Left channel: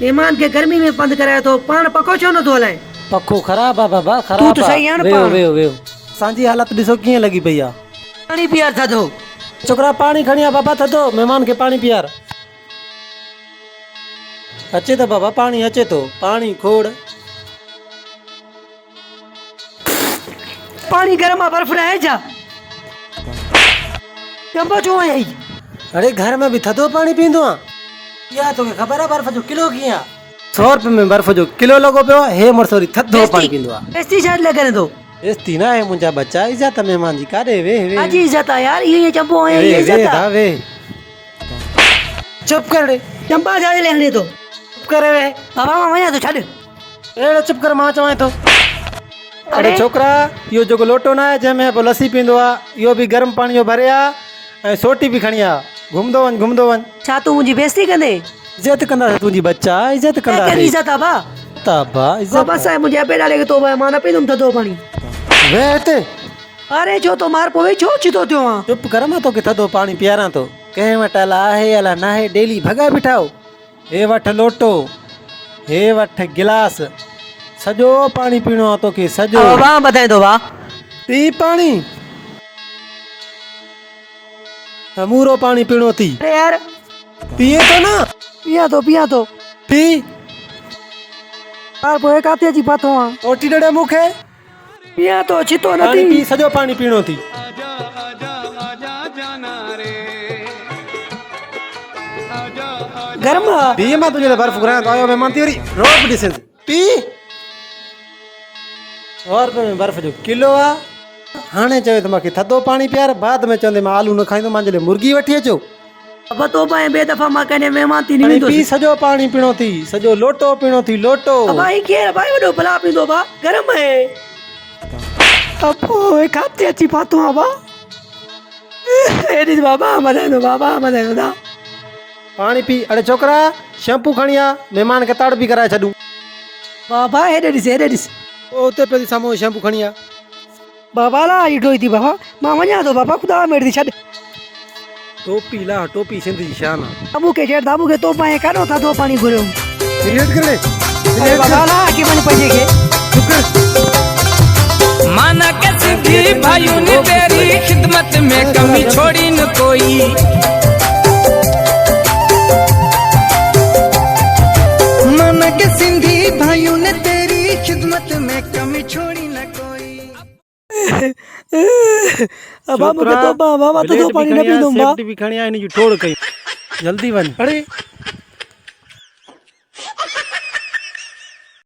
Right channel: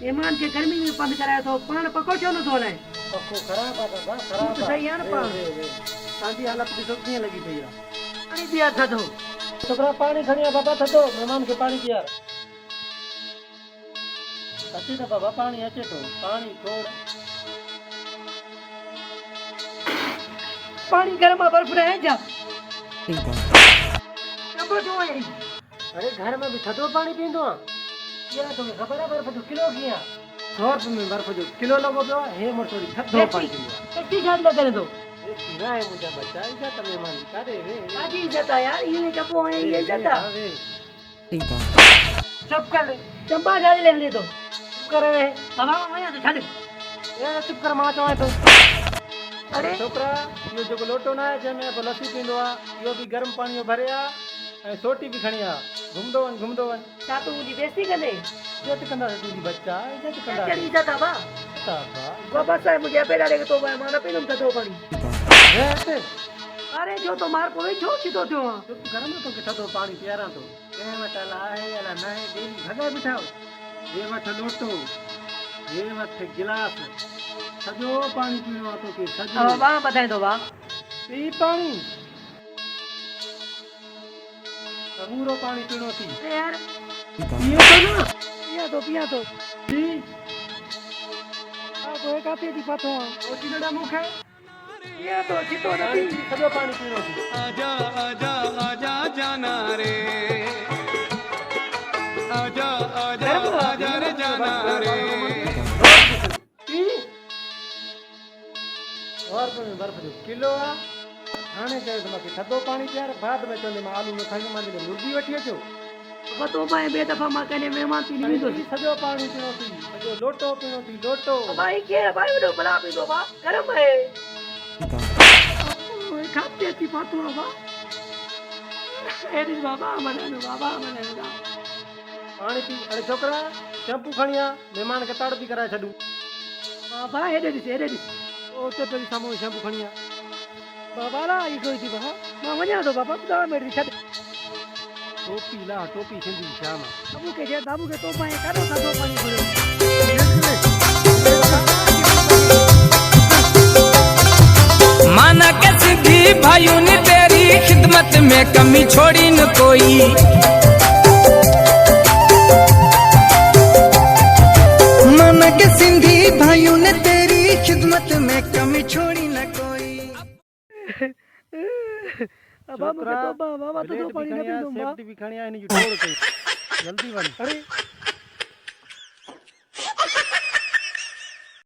मेहमान के गर्मी में बंद कराया तो पान पको छो न तो हलाए। पखो खराब आ बाबा खराब। तू तो सही है न वेहो पाण। वेहो वेहो सांजी हालत ॾिसो कीअं लगी पई आ। पानी पियार था दो। छोकरा पानी खणी आ बाबा थधो मेहमान के पानी पियार। अचे तो बाबा पानी अचे तो पानी खोड़। पानी गरम आ बर्फ रहे जा। चंपा जो आई। अरे घर में भी थधो पानी पींदो आ। या तो खबर है बर्फ जो किलो कीअं 100 रुपए में बर्फ जो किलो लगो पियो हे मरसोरी थधो पानी पींदो आ। बेस्ती शायद ले करे दो। बेस्ती ना है मुंजा बच्चा इज्जत मेहमान जी कारे वे वे। आज इज्जत आ यार ये चंपो है ये वे इज्जत आ। वे चुप कर रे चंपा जा ले हने तो। चुप करे वे बाबा वया तो छड़। ए चुप कर मां चवाए तो। अरे छोकरा यो जो लोटो ना है जंहिंमें पोइ लस्सी पींदो आ इहो बि गरम पाणी जो भरे आ ऐं सोटी बि खणी आ घुमंदो वञ। छा तू मुंहिंजी बेइज्जती कंदे? इज्जत कंदा तुंहिंजी बच्चा इज्जत कंदा तेरी इज्जत आ बा। ताबा बाबा इज्जत साहब मुझे पे डाले के तो मां न पींदुम थधो पानी। वे हिते अरे जो तो मार पोवे छो चितो थियो आ। चुप कर मां तोखे थधो पाणी पीआरां थो कंहिं वटि अला आहे अला न आहे डेली भॻा बिठाओ। हे वठ लोटो हे वठ गिलास सॼो पाणी पीणो आहे तोखे सॼो। बाबा बताए दो बा। पी पाणी समूरो पाणी पीणो थी। अरे यार पिए तो ना पिया तो पी यार पोए काते जी पातो आ। ओटी डड़े मुखे पिया तो चितो पानी नथी। पी सॼो पाणी पीणो थी। आजा आजा आजा जाना रे आजा आजा गरम आ। पी मां तुझे बर्फ घुरायां तो आयो मेहमान तेरी रोक ॾिस पी 100 रुपए में बर्फ जो किलो आ। हाणे चयो त मूंखे थधो पाणी पियार बाद में चवंदे मां आलू न खाईंदो मुंहिंजे लाइ मुर्गी वठी अचो। अब तो पाए बे दफा मां कने मेहमान थी हाणे नहीं तो। पी सॼो पाणी पीणो थी सॼो लोटो पीणो थी लोटो। भाई के भाई वडो भला पींदो बा गरम है। अब ओए काते जी पातो आ बा। एडी बाबा मदे दो दा। पाणी पी। अरे छोकरा शैम्पू खणी आ मेहमान खे ताड़ बि कराए छॾूं। बाबा हेडे दिस। ओ उते पे साम्हूं शैम्पू खणी आ। बाबा ला इडोई थी बाबा मां वञा तो बाबा खुदा मेरे दी छड। टोपी ला टोपी सिंधी जी शान आ। अबू के जेड़ दाबू के तो पाए काडो था दो पानी घुरो। रिलेट कर ले बाबा ला के मन पजे के माना के सिद्धि भाइयों ने तेरी खिदमत में कमी छोड़ी न कोई। माना के सिंधी भाइयों ने तेरी खिदमत में कमी छोड़ी न कोई। बाबा तो पानी न पींदो बा। सेफ्टी भी खणी आ इन जी टोड़ कई जल्दी वन। अरे